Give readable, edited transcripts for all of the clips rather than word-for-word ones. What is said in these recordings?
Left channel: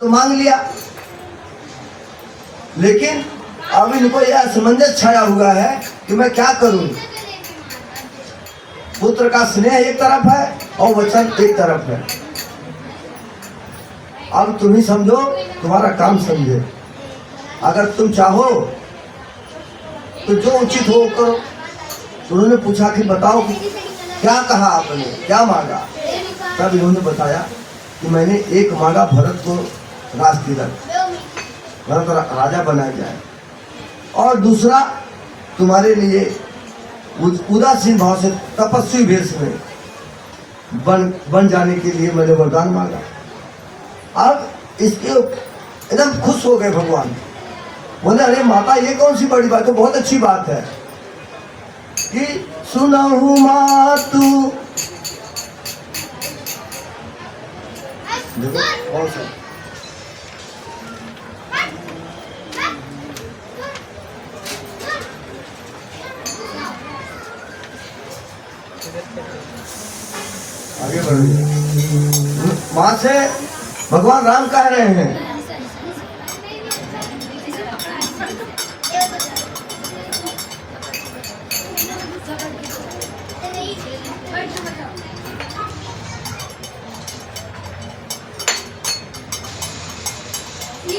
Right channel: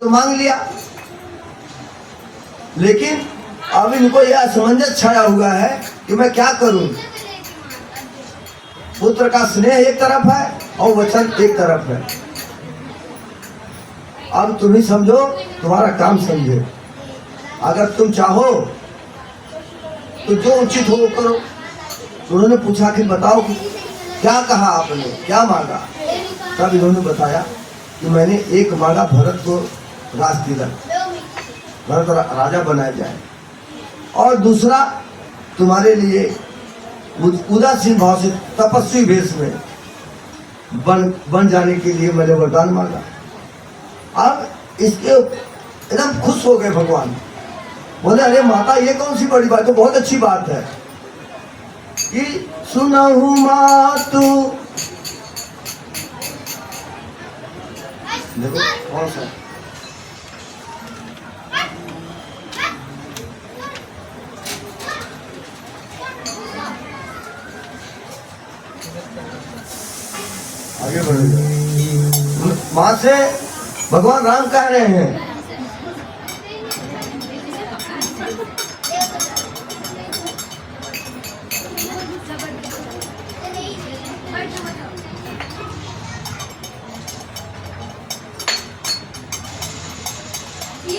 तो मांग लिया, लेकिन अब इनको यह असमंजस छाया हुआ है कि मैं क्या करूं। पुत्र का स्नेह एक तरफ है और वचन एक तरफ है। अब तुम ही समझो, तुम्हारा काम समझे। अगर तुम चाहो तो जो उचित हो वो करो। तो उन्होंने पूछा कि बताओ क्या कहा आपने, क्या मांगा। तब इन्होंने बताया कि मैंने एक मांगा, भरत को राज तिलक, भरत राजा बनाया जाए, और दूसरा तुम्हारे लिए उदासीन भाव से तपस्वी वेश में बन जाने के लिए मैंने वरदान मांगा। अब इसके एकदम खुश हो गए भगवान। बोले अरे माता, ये कौन सी बड़ी बात है, बहुत अच्छी बात है कि सुनहु मातु। देखो कौन सा आगे बढ़िए। मां से भगवान राम कह रहे हैं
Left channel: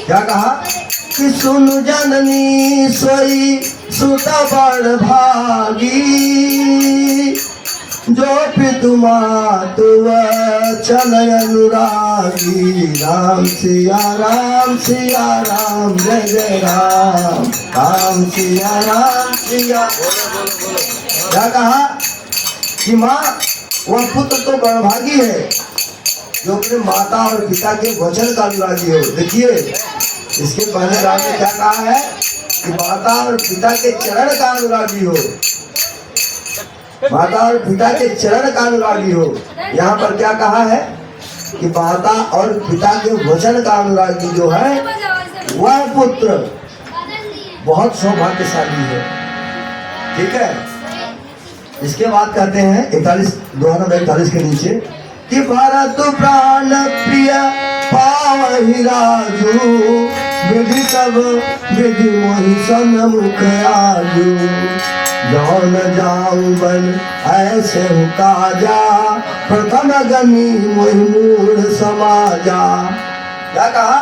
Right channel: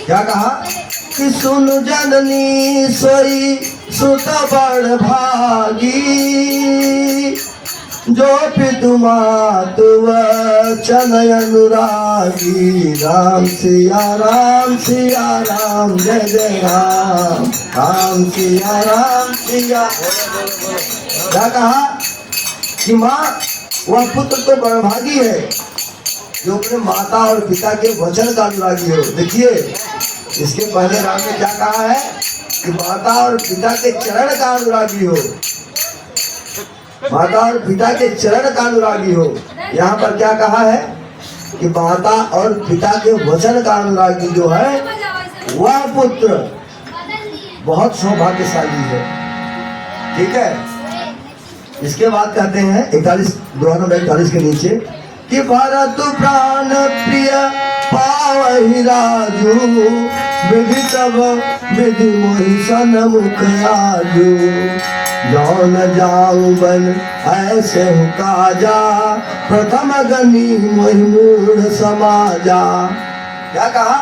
क्या कहा कि सुन जननी सोई सुत बड़ भागी, जो पितु मातु वचन अनुरागी। राम सिया राम जय जय राम, राम सिया। क्या कहा कि माँ वह पुत्र तो बड़भागी है जो अपने माता और पिता के वचन का अनुरागी हो। देखिए इसके पहले राम ने क्या कहा है कि माता और पिता के चरण का अनुरागी हो, माता और पिता के चरण का अनुरागी हो। यहाँ पर क्या कहा है कि माता और पिता के वचन का अनुरागी जो है वह पुत्र बहुत सौभाग्यशाली है। ठीक है, इसके बाद कहते हैं 41 के नीचे कि भरत प्राण प्रिय पावहि राजू, विधि तब विधि मोहि सन्मुख आजू। जौन जाऊं बन ऐसे हूँ काजा, प्रथम गनी मोहि मूढ़ समाजा। क्या कहा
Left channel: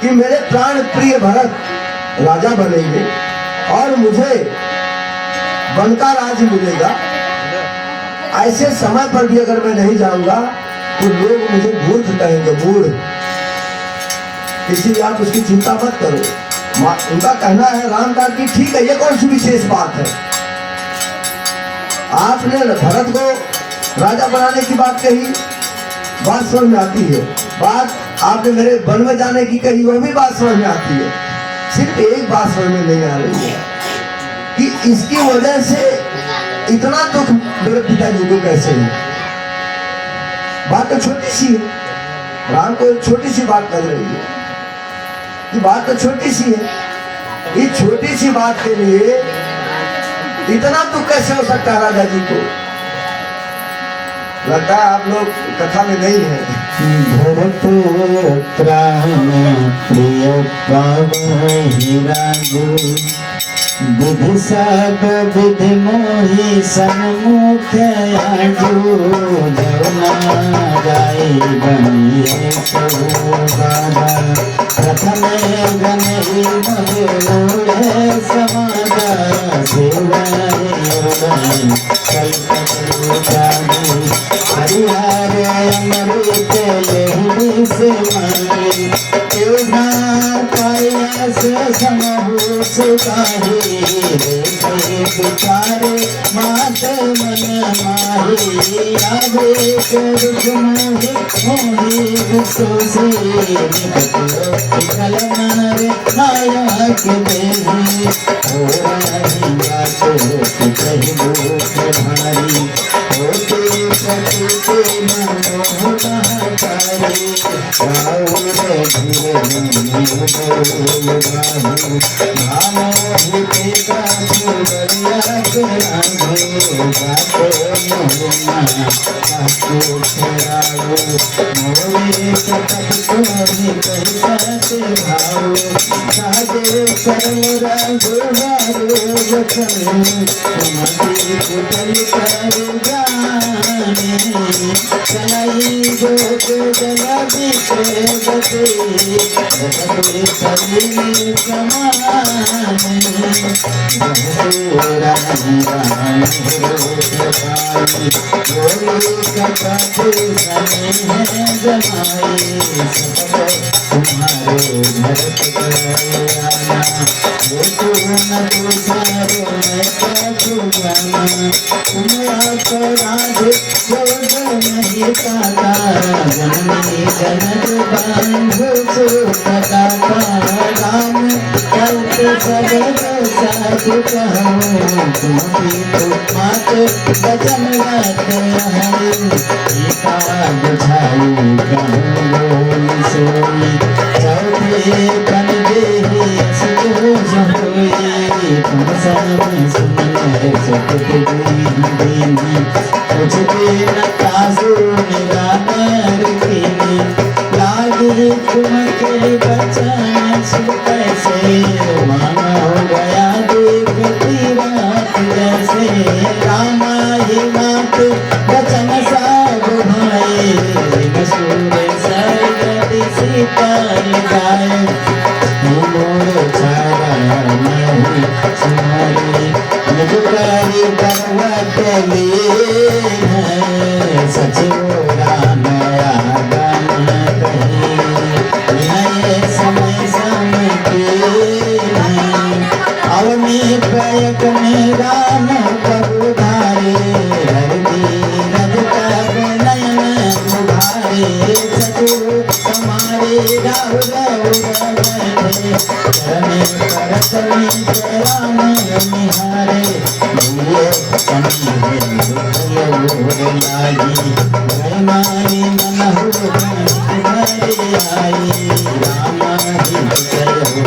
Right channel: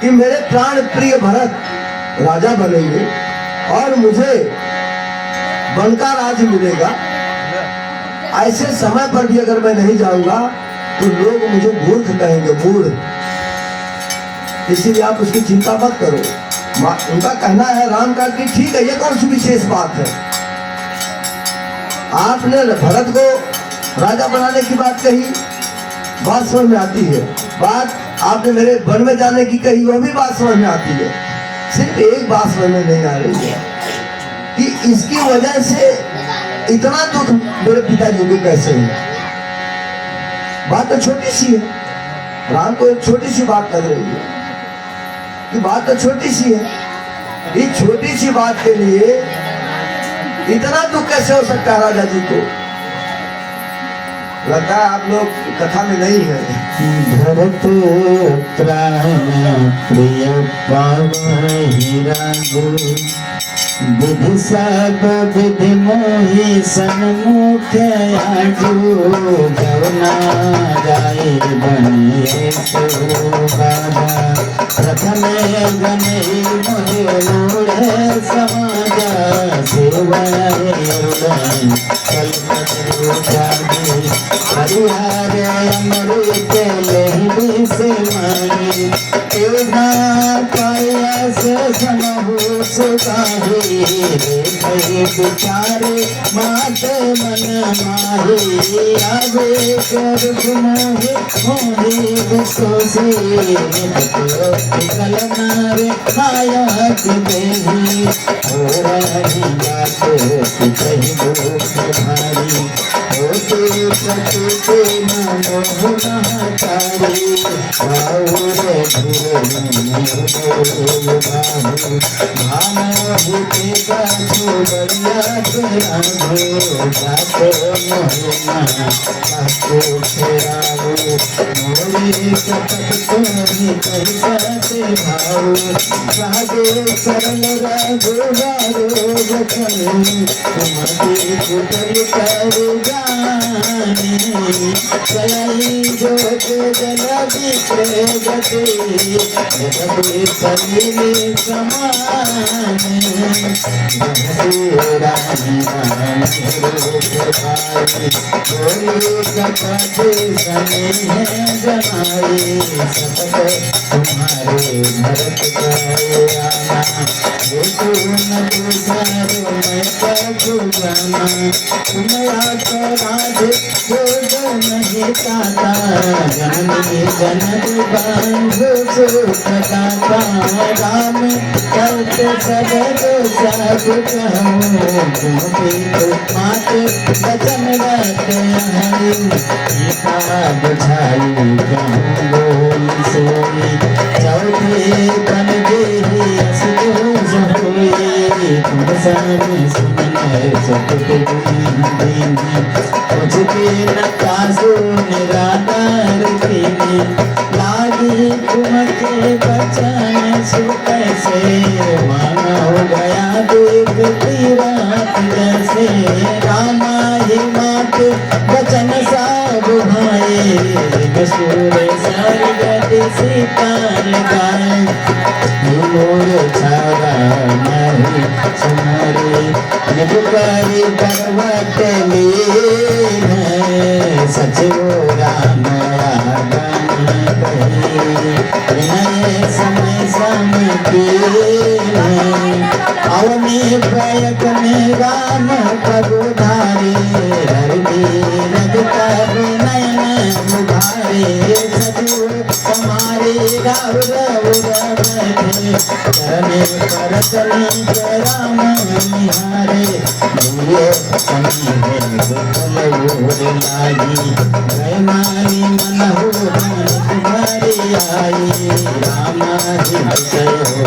कि मेरे प्राण प्रिय भरत राजा बनेंगे और मुझे वन का राज मिलेगा। ऐसे समय पर भी अगर मैं नहीं जाऊंगा तो लोग मुझे मूर्ख कहेंगे, मूढ़। इसीलिए आप उसकी चिंता मत करो। उनका कहना है राम का कि ठीक है, ये कौन सी विशेष बात है। आपने भरत को राजा बनाने की बात कही, बात समझ में आती है। बात आपने मेरे वन में जाने की कही, वह भी बात समझ में आती है। सिर्फ एक बात समझ में नहीं आ रही है कि इसकी वजह से इतना दुख मेरे पिताजी को कैसे है। बात तो छोटी सी है, राम को एक छोटी सी बात लग रही है कि बात तो छोटी सी है। इस छोटी सी बात के लिए इतना दुख कैसे हो सकता है राजा जी को। लगता है आप लोग कथा में नहीं है। भरत प्राण प्रिय पावहि राजू, विधि सब विधि मोहि सन्मुख आजू। जौना जाए बनिए शोभा, प्रथम गनहि मोहि मूढ़ समाजा। सेवाए हरिहर अमृत लेहि से मांगी, समहु सुखाही। देखहि विचारे मात मन माही, आवे कर मोहि मोहि सोसे। निकटो विकल नार नायक देहि, होरहि बातो कहि दुख भारी। होते प्रकृति मोह महतारी, पाउर धीर भाऊ भूते का छोड़िया के रंगो जाको मोहना काको फेरावो मोरे कपट को भी कैसा के भाव साजे सरल रघुवारो वचन तुम्हारे कुटल कर जाने चलाई जो जलधि प्रगति जगते सलील समाने राम राम बोलो कपट सने जमाए सपट तुम्हारे भरत गयाना देखो न तुझारो मैं कछु जाना तुम अपराध जो नहीं काता जननी जनन बांधो सुखता राम चलते सब साधु कहो तुम्हें तो मात वचन रहते हैं गीता बुझाई कहूँ सोई चौथे बन जे सुनो सोई तुम सब सुनने सकते देवी तुझके न काजू निराकार पीने लागी तुमके बचन सुते से माना हो गया देव तीरात जैसे रामा ही मात बचन सब भाई मसूर सब जति सीता लगाए मोर छाड़ा नहीं सुमारी निज करी करवट लिए सचिव राम आगम कही समय सम अवनी प्रयत्न राम प्रभु धारे हरि रघुतर नयन मुधारे सचु हमारे राहुल चरणे करत राम निहारे ये समीहे लागी गयनारी मनहु तुम्हारी आई राम जय हो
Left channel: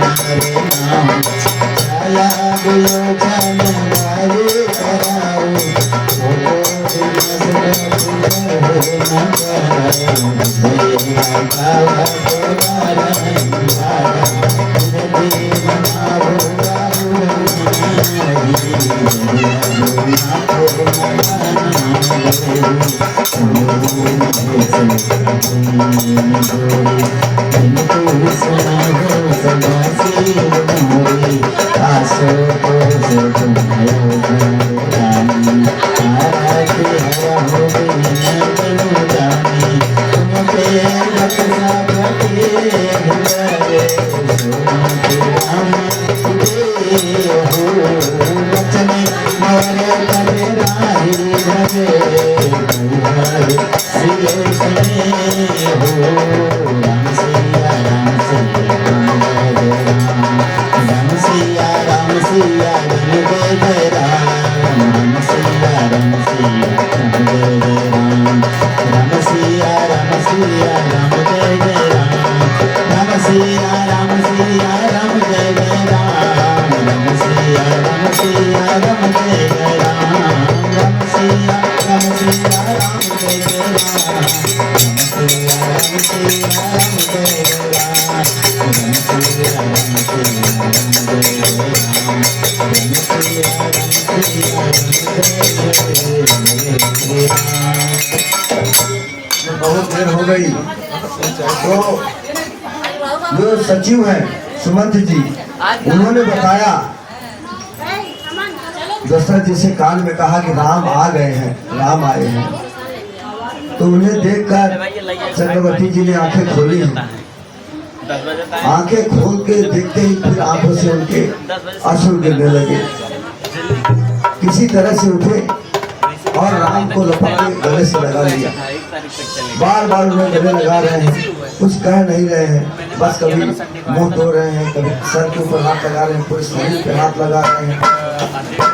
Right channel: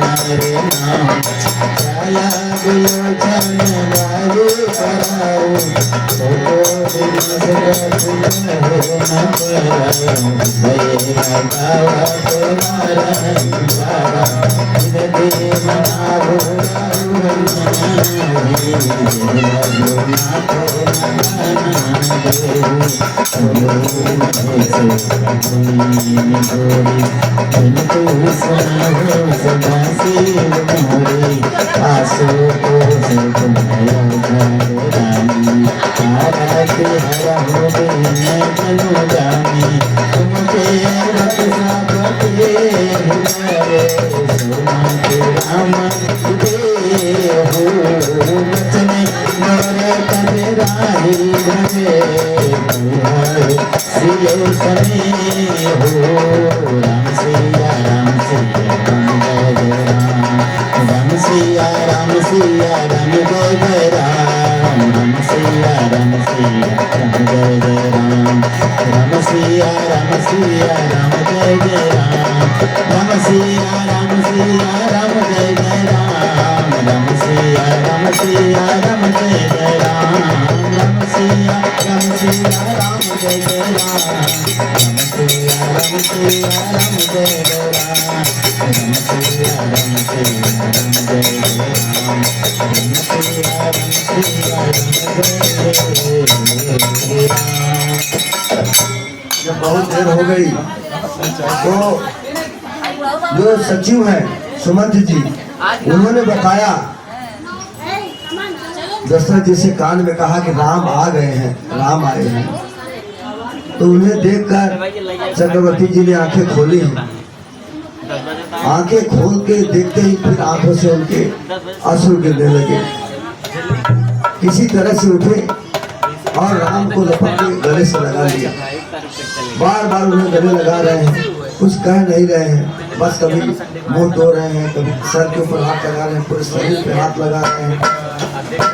नारे नाम छाया विलोचन गावे कराओ बहुत देर हो गई तो जो सचिव हैं सुमंत जी उन्होंने बताया दशरथ जी से कान में कहा कि राम आ गए हैं, राम आए हैं। तो उन्हें देखकर चक्रवर्ती जी ने आंखें खोली हैं। आंखें खोल के देखते ही फिर आंखों से उनके आंसू गिरने लगे। किसी तरह से उठे और राम को लपक के गले से लगा लिया। बार बार उन्हें गले लगा रहे हैं, कुछ कह नहीं रहे हैं, बस कभी मुंह धो रहे हैं, कभी सर के ऊपर हाथ लगा रहे हैं, पूरे शरीर पे हाथ लगा रहे हैं,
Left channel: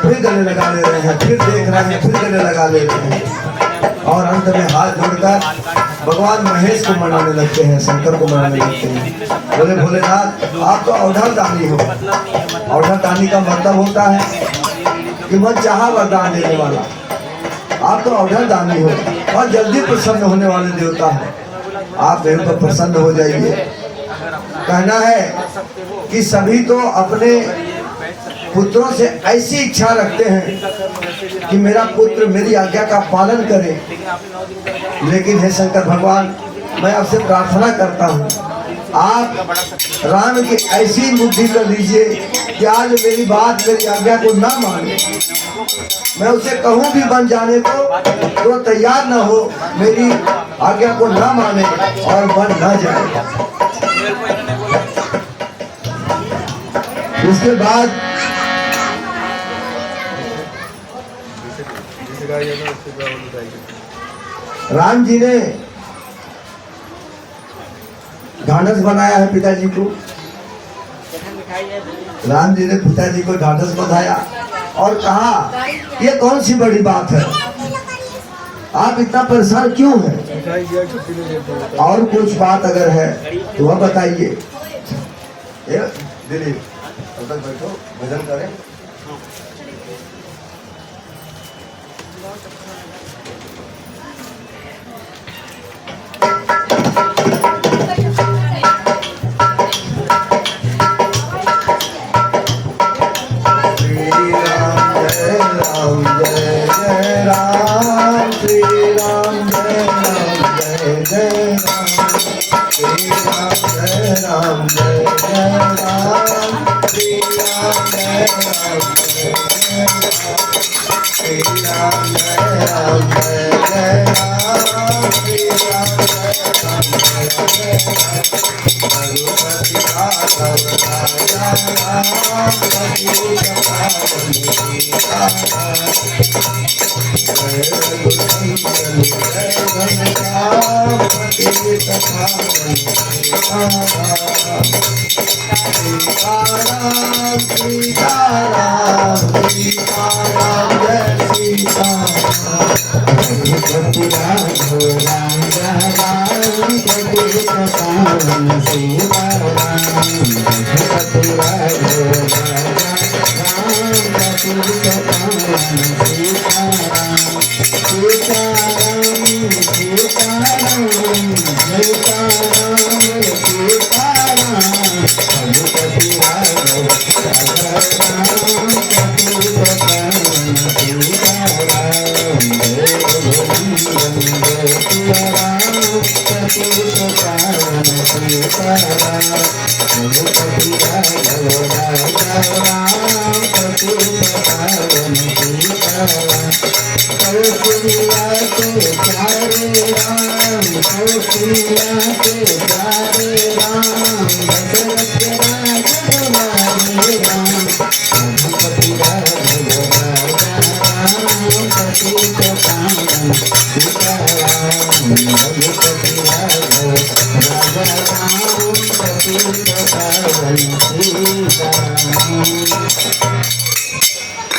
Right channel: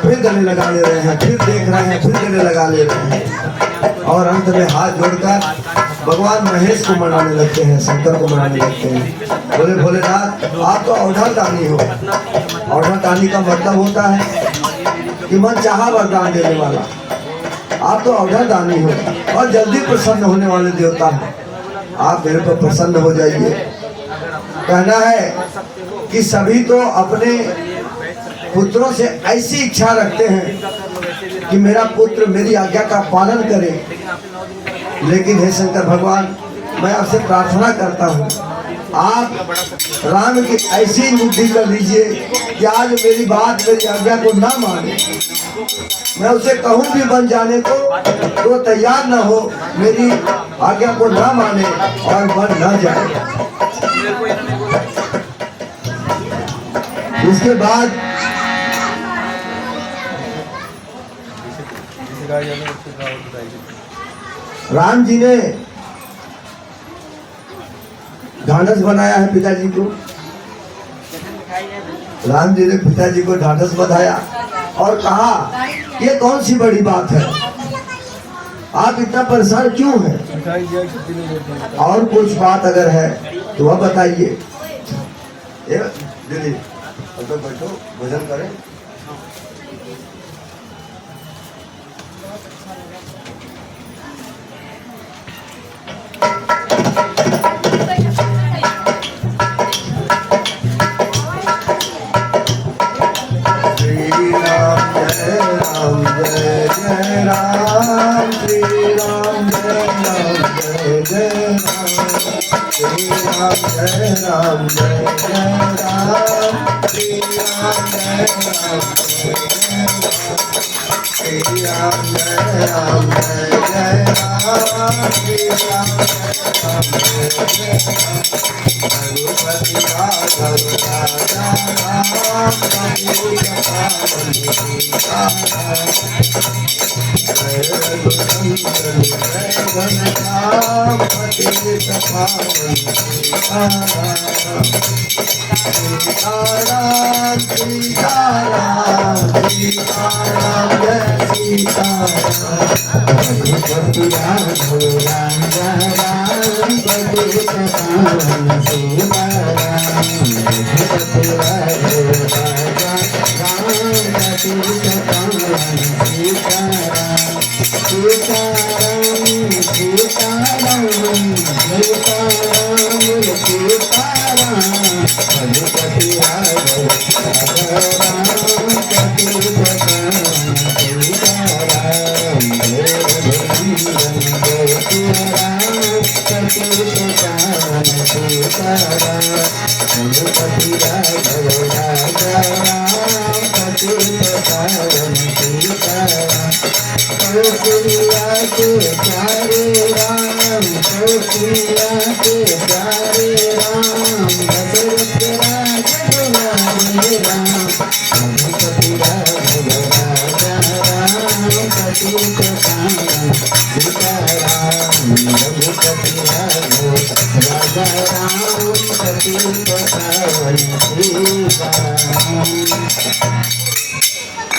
फिर गले लगा ले रहे हैं, फिर देख रहे हैं, फिर गले लगा ले रहे हैं और अंत में हाथ जोड़कर भगवान महेश को मनाने लगते हैं, शंकर को मनाने लगते हैं। बोले भोलेनाथ आप तो अवधार दानी हो। अवधार दानी का मतलब होता है कि मन चाहा वरदान देने वाला। आप तो अवधार दानी हो और जल्दी प्रसन्न होने वाले देवता हैं। आप मेरे पर प्रसन्न हो जाइए। कहना है कि सभी तो अपने पुत्रों से ऐसी इच्छा रखते हैं कि मेरा पुत्र मेरी आज्ञा का पालन करे, लेकिन हे शंकर भगवान मैं आपसे प्रार्थना करता हूँ आप राम की ऐसी बुद्धि कर दीजिए कि आज मेरी बात मेरी आज्ञा को ना माने। मैं उसे कहूँ भी बन जाने को तो तैयार न हो, मेरी आज्ञा को ना माने और बन ना जाए। उसके बाद राम जी ने ढांढस बनाया है पिताजी को। राम जी ने पिताजी को ढांढस बंधाया और कहा ये कौन सी बड़ी बात है, आप इतना परेशान क्यों हैं? और कुछ बात अगर है तो वह बताइए। दीदी बैठो भजन करें।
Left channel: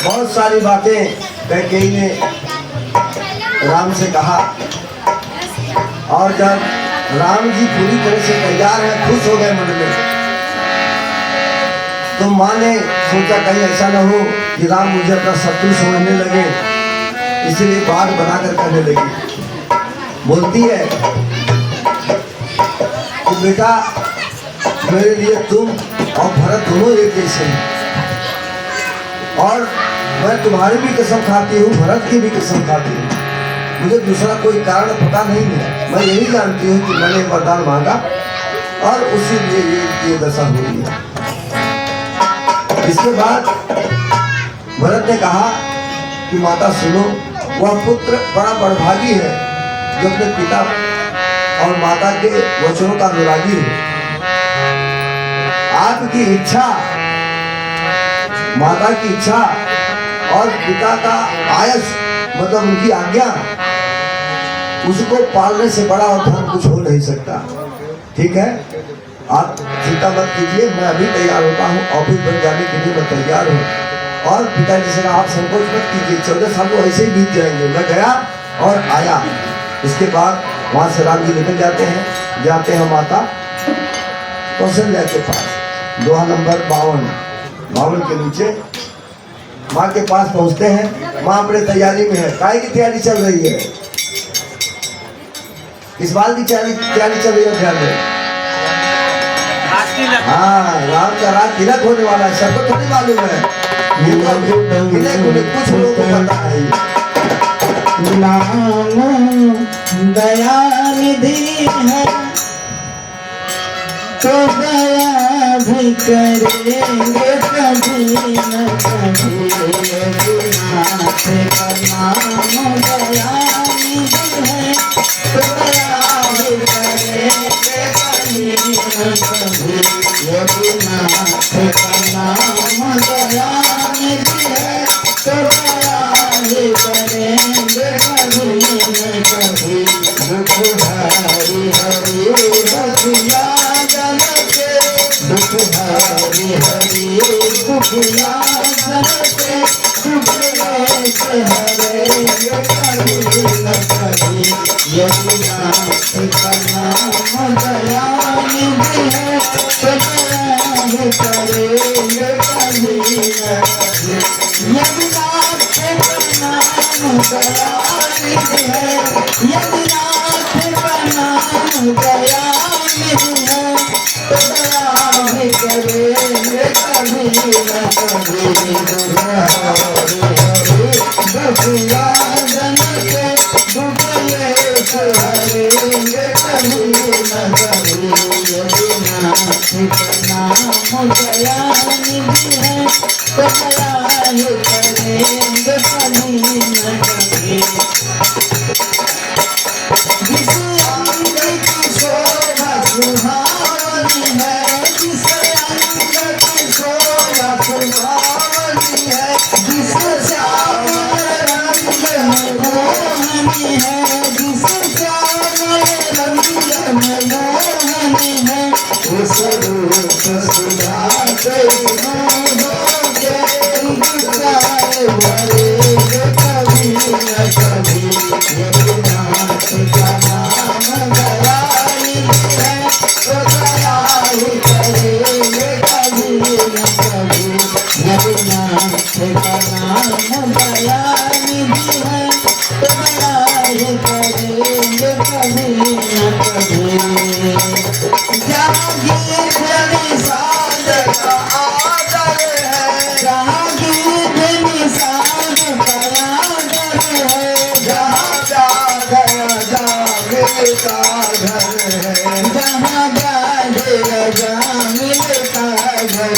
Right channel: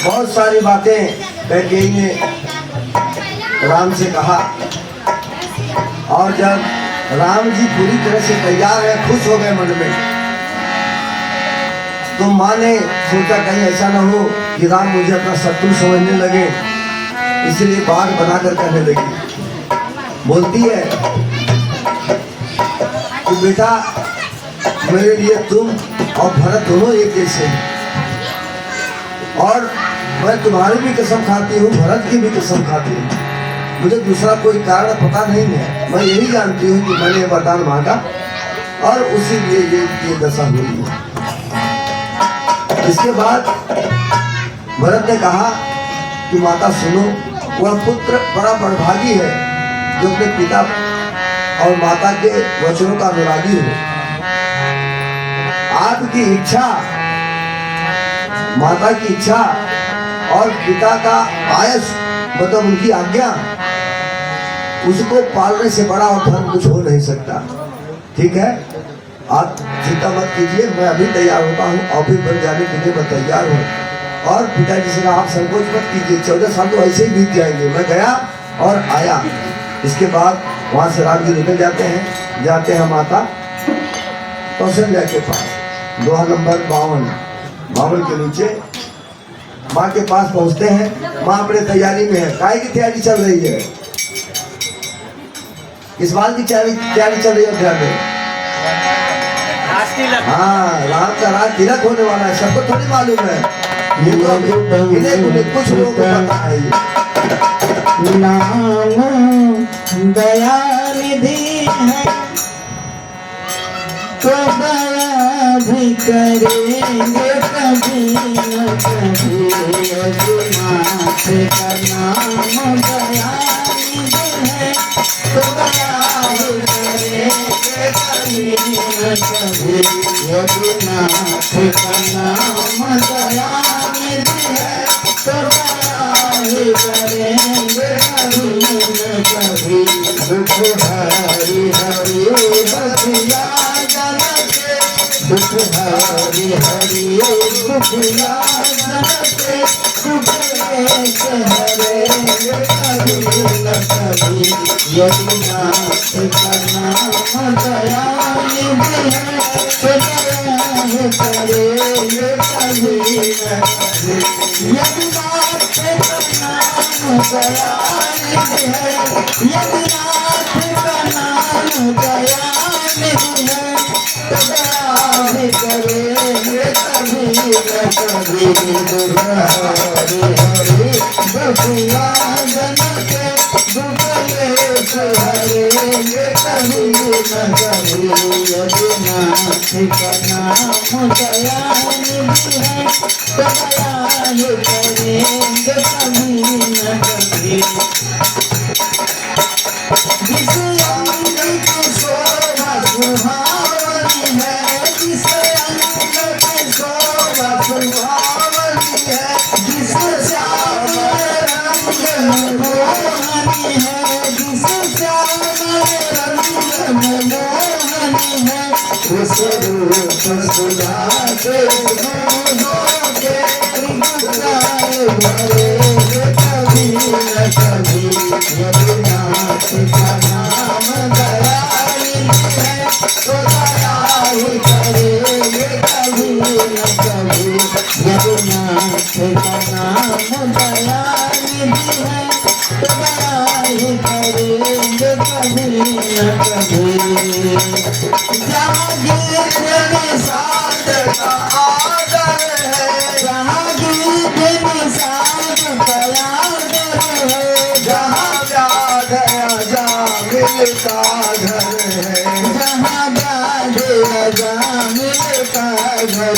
बहुत सारी बातें कैकेयी ने राम से कहा और जब राम जी पूरी तरह से तैयार है, खुश हो गए मन में, तो माँ ने सोचा कहीं ऐसा न हो कि राम मुझे अपना शत्रु समझने लगे, इसलिए बाग बनाकर कहने लगी। बोलती है कि बेटा मेरे लिए तुम और भरत दोनों एक जैसे हैं, और मैं तुम्हारी भी कसम खाती हूँ, भरत की भी कसम खाती हूँ। मुझे दूसरा कोई कारण पता नहीं है, मैं यही जानती हूँ कि मैंने वरदान मांगा और उसी लिए ये दशा हुई है। इसके बाद भरत ने कहा कि माता सुनो, वह पुत्र बड़ा बड़भागी है जो अपने पिता और माता के वचनों का अनुरागी हो। आपकी इच्छा, माता की इच्छा और पिता का आयस मतलब उनकी आज्ञा, उसको पालने से बड़ा और धर्म कुछ हो नहीं सकता। ठीक है, आप चिंता मत कीजिए, मैं अभी तैयार होता हूँ, ऑफिस बन जाने के लिए मैं तैयार हूँ। और पिताजी से कहा आप संकोच मत कीजिए, 14 साल तो ऐसे ही बीत जाएंगे। मैं गया और आया। इसके बाद वहां से राम जी निकल जाते हैं माता कौशल्या के पास, दोहा नंबर 52 के नीचे माँ के पास पहुंचते हैं। माँ अपने तैयारी में है। काय की तैयारी चल रही है? किस बात की तैयारी चल रही है? ध्यान दें। हाँ, राम का राज तिलक होने वाला है, सबको थोड़ी मालूम है। ये तो इन्हें कुछ लोगों को पता है। राम दया निधि है तो दया भी करेंगे कभी न कभी। रघुनाथ का नाम दया निधि है तो दया भी करेंगे कभी न कभी। रघुनाथ का नाम दया निधि है तो दया भी करेंगे कभी न कभी। दुख हरि हरि बसिया जन के, दुख हरि हरि दुखिया जन के, सुख लेस हरेंगे कभी न कभी। यमुनाथ का नाम दया निधि है तो दया करेंगे कभी न कभी। यमुनाथ का नाम दया निधि है, यमुनाथ का नाम दया निधि है तो दया भी करेंगे कभी न कभी। हरि हरि बसिया जन के, दुख लेस हरेंगे कभी न कभी। यमुनाथ का नाम दया निधि है तो दया ही करेंगे कभी न कभी। जिस अंग की शोभा सुहावनी है, जिस अंग की शोभा सुहावनी है, जिस श्याम रंग मोहनी है, जिस श्याम रंग मोहनी है, उस रूप सुधा से के भरेंगे कभी न कभी। यमुनाथ का नाम दया निधि है तो दया ही करेंगे कभी न कभी। यमुनाथ का नाम दया निधि है तो दया ही करेंगे कभी न कभी। जागीर निषाद का आदर है, जागीर निषाद का आदर है, जहाँ जा गया जा मिलता घर है, जहाँ जा गया जा मिलता घर है।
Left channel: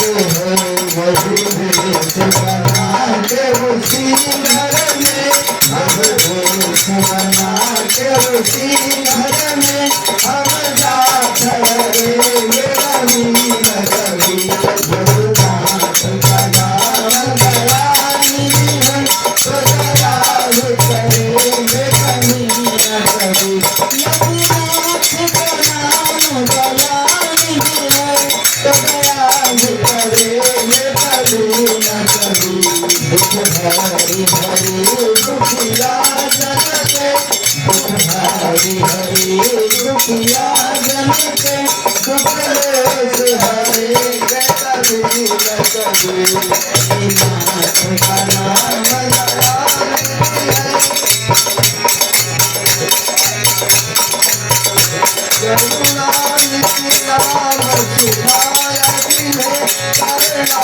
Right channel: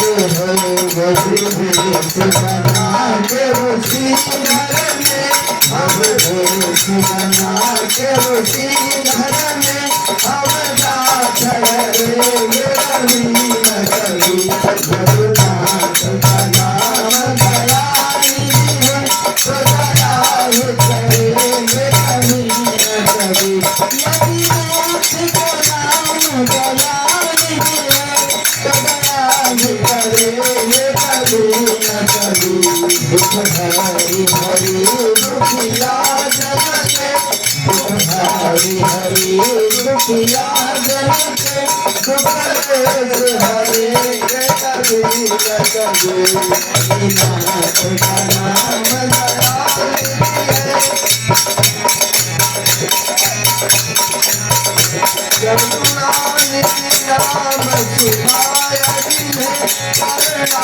वही भेष बना के उसी घर में, हम भेष बना के उसी घर में, हम जा ठहरेंगे कभी न कभी। रघुनाथ का नाम दया निधि है तो दया ही करेंगे कभी न कभी। यमुनाथ का नाम दया निधि है तो दया ही करेंगे कभी न कभी। दुख हरि हरि दुखिया जन के, दुख हरि हरि दुखिया जन के, दुख लेस हरेंगे कभी न कभी। यमुनाथ का नाम दया निधि है, करुणा निधि नाम सुनाया जिन्हें, करुणा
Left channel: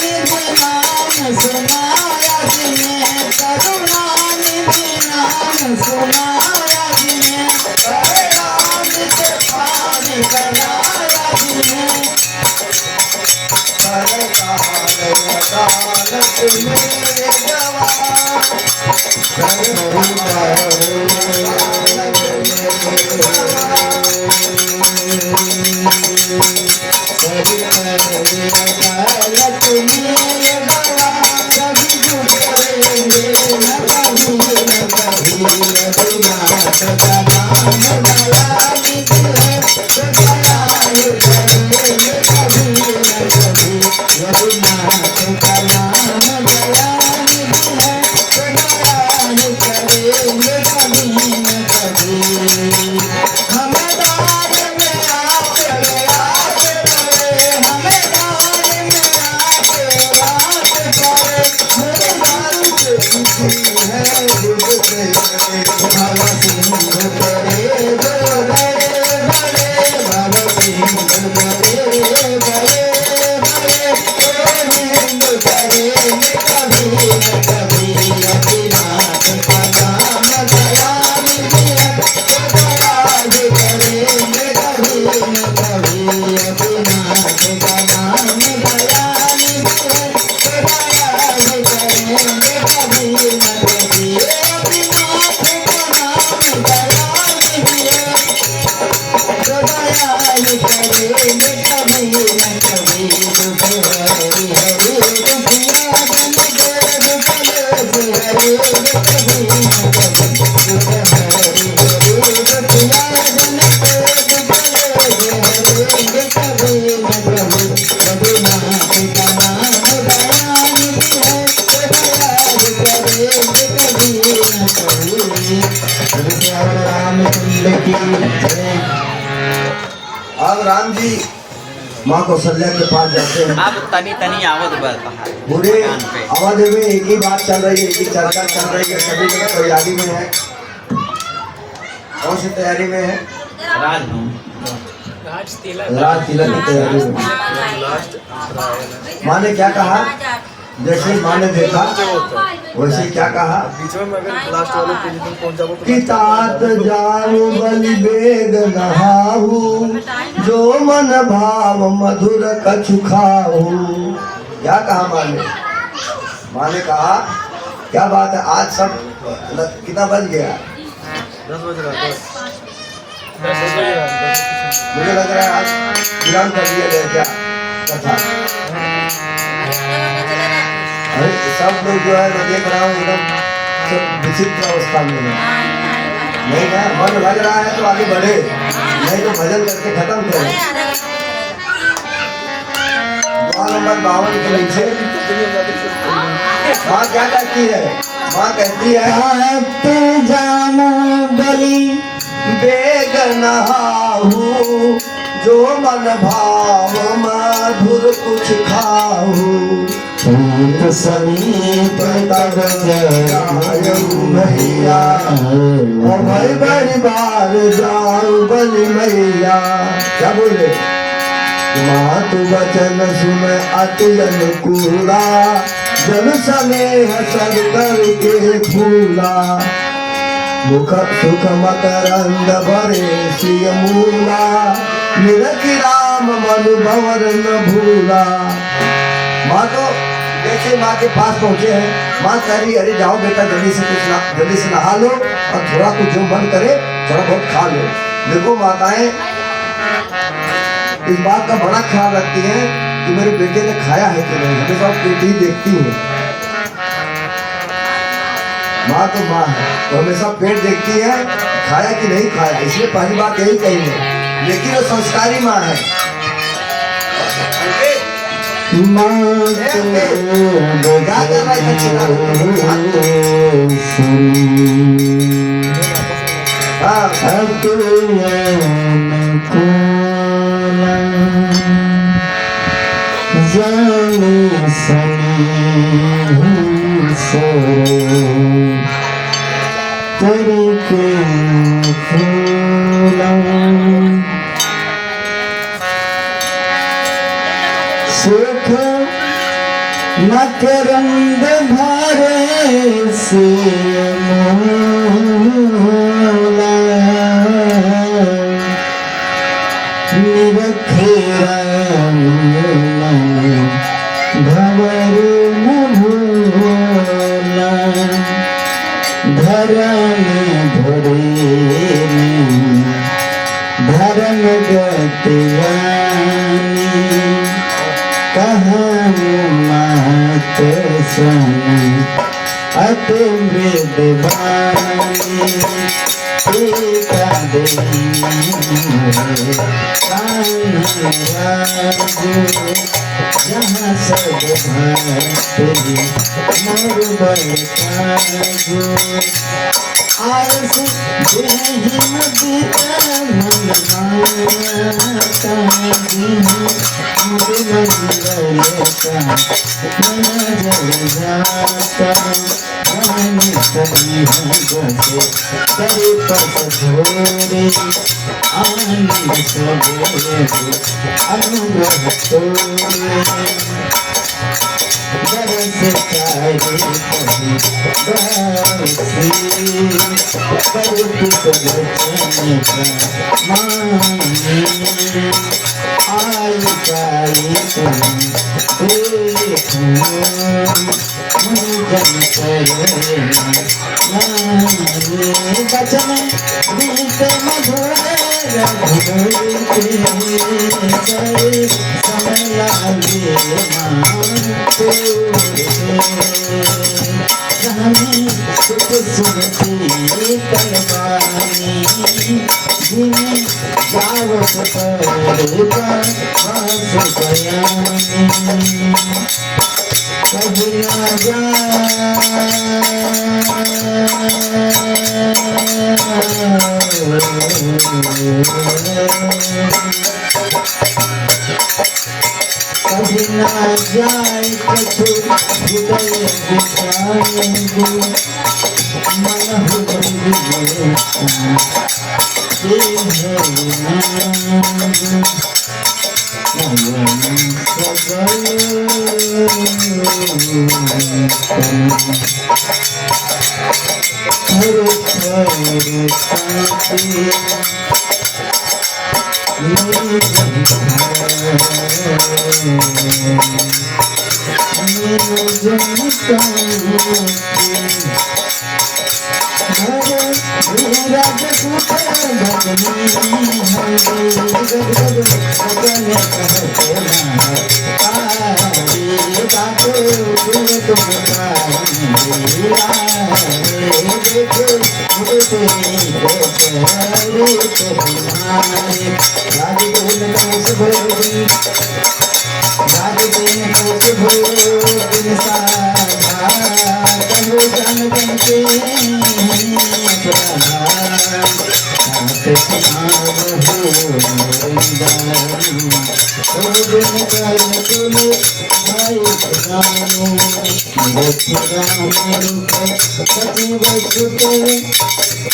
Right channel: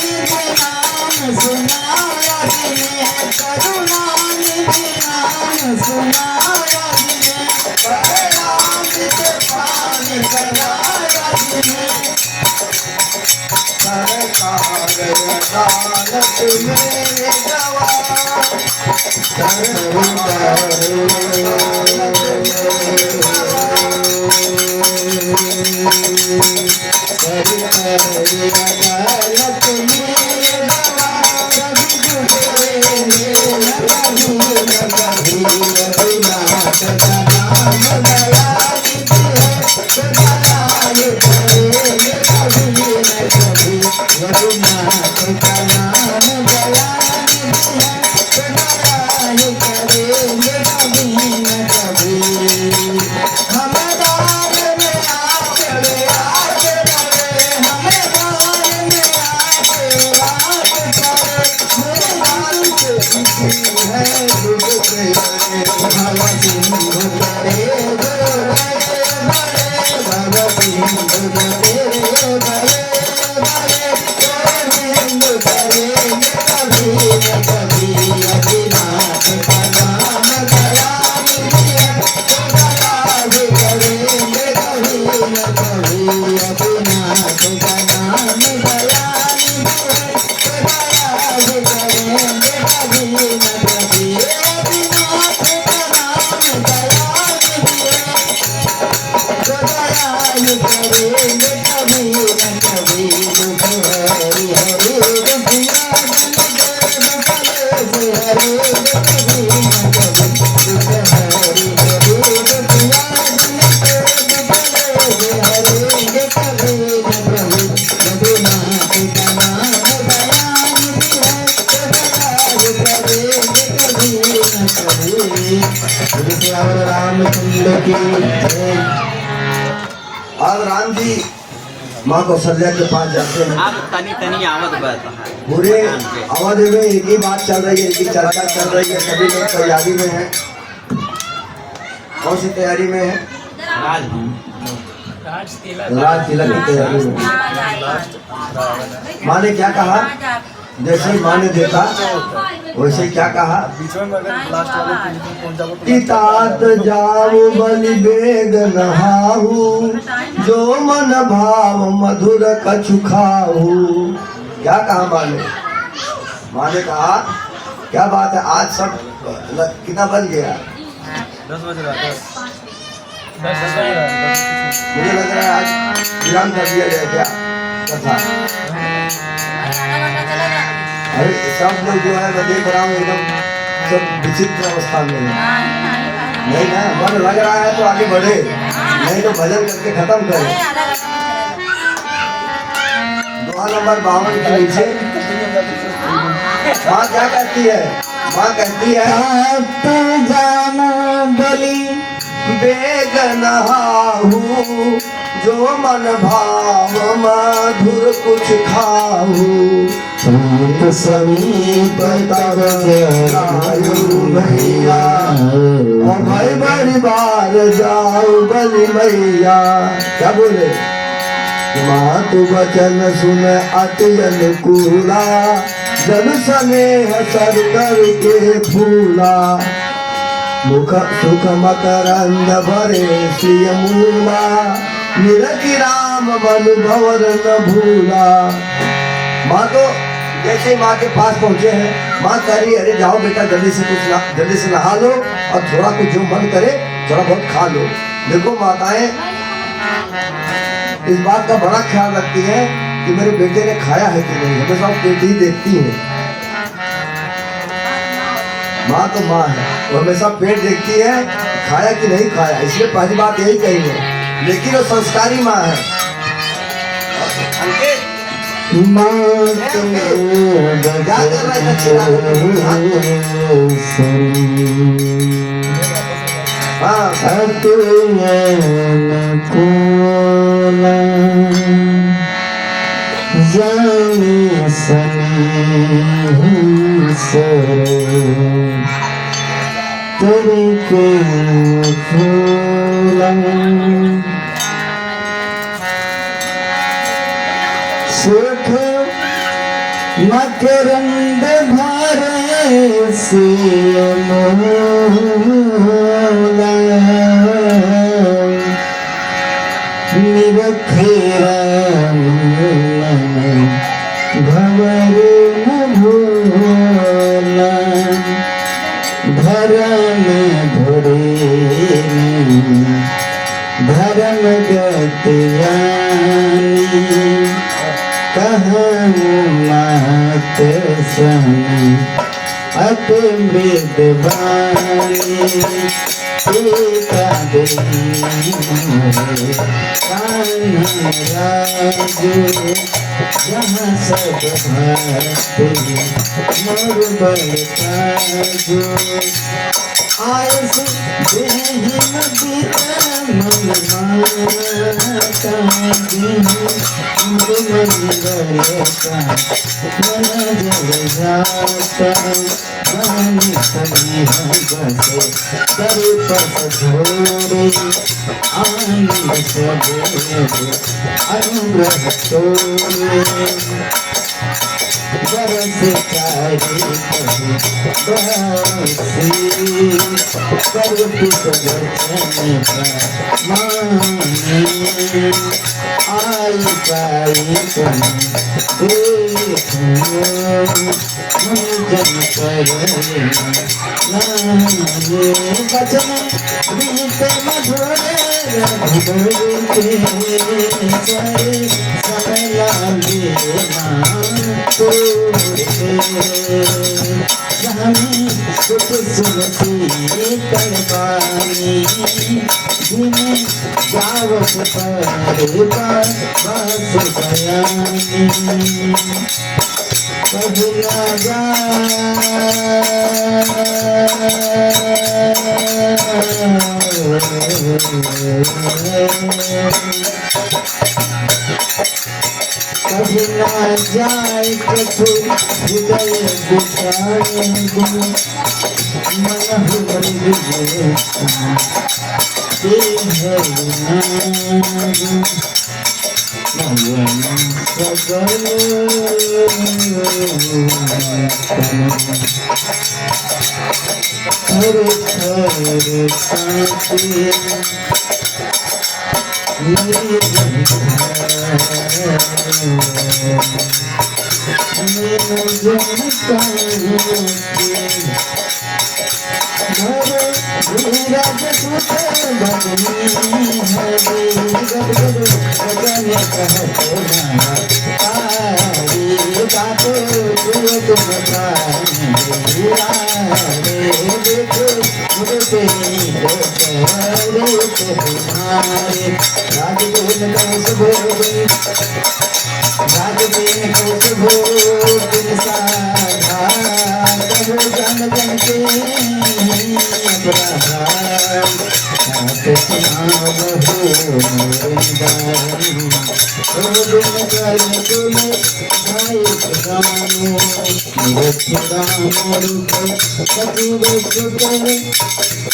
निधि नाम सुनाया जिन्हें, करुणा निधि नाम सुनाया जिन्हें, परिणाम के पान कराया जिन्हें, सरकार अदालत में गवाह, सरकार अदालत में गवाह, कभी झुकेंगे न कभी न कभी। रघुनाथ का नाम दया निधि है तो दया ही करेंगे कभी न कभी। रघुनाथ का नाम दया निधि है तो दया ही करेंगे कभी न कभी। दुख से बड़े भव सिंधु करे बड़े भव सिंधु करे बड़े सिंधु करे कभी न कभी अभिनाथ का नाम दया करे कभी न कभी अभिनाथ का नाम दया अब राम जी माँ कौशल्या के पास जाते हैं। अब तनी तनी आवत बा पूरे अवध में एक ही बात चल रही है, एक ही चर्चा चल रही है, सभी लोग तैयारी में है। कौन सी तैयारी में है? राज तिलक की तैयारी में। माँ ने क्या कहा? जैसे माँ ने देखा वैसे क्या कहा कि तात जाऊ बलि बेग नहाऊ जो मन भाव मधुर कछु खाऊ। क्या कहा माँ ने? माँ ने कहा क्या बात है, आज सब कितना बज गया? 10 बज रहा है। मुझे लग रहा है आज विराम कर दिया जाए क्या कथा? अरे सब लोग जो है मैं देख रहा हूँ एकदम सब विचित्र अवस्था में है। नहीं ना, मन लग रहा है तो आगे बढ़े, नहीं तो भजन करके खत्म करें। 52 के नीचे माँ क्या कहती है? माँ कहती है तू जानो बलि बेग नहाऊ जो मन भाव मधुर कुछ खाऊ। सूत समीप तब जाऊ मैया और भाई बड़ी बार जाऊ बलि मैया। क्या बोले? मातु वचन सुन अति अनुकूला जन स्नेह सर करके फूला। मुख सुख मकरंद भरे सिय मूला निरखि राम मनु भवर न भूला। माँ तो जैसे माँ के पास पहुंचे हैं, माँ कह रही अरे जाओ बेटा जल्दी से नहा लो और थोड़ा कुछ जो मन करे थोड़ा बहुत खा लो। देखो माताएं इस बात का बड़ा ख्याल रखती हैं कि मेरे बेटे ने खाया है कि नहीं, हमेशा पेट ही देखती है। माँ तो माँ है, वो हमेशा पेट देखती है खाया कि नहीं खाया, इसलिए पहली बात यही कही है। लेकिन वो संस्कारी माँ है। क्या कर रहा है चिल्ला? सुख मकरंद भरे सिय मूला निरखि राम भवर न भूला। धर्म धरे धर्म गतियानी कहूँ मात सन अति मृदवानी। टीका राजू जहाँ सब भक्ति मोर बरताजू। आयस देहिम बीतल मन माता मंगलता मन जल जाता जानी सभी करे पस भोरे आनंद सबोरे अनुग्रह तोरे बरस चाहे कभी बरसी कर कुछ वचन का माने आई पाई तुम देखो मुझन करे माने बचन बीते मधुर रघुबरते चले समला लेना स्वामी सुख सुनती कलबानी जिन्हें जावत पर बस बयानी कबूला जा कभी ना जाए कठोर हृदय विचारे गुरु मन हृदय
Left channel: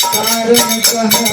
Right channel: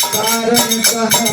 कारण कहाँ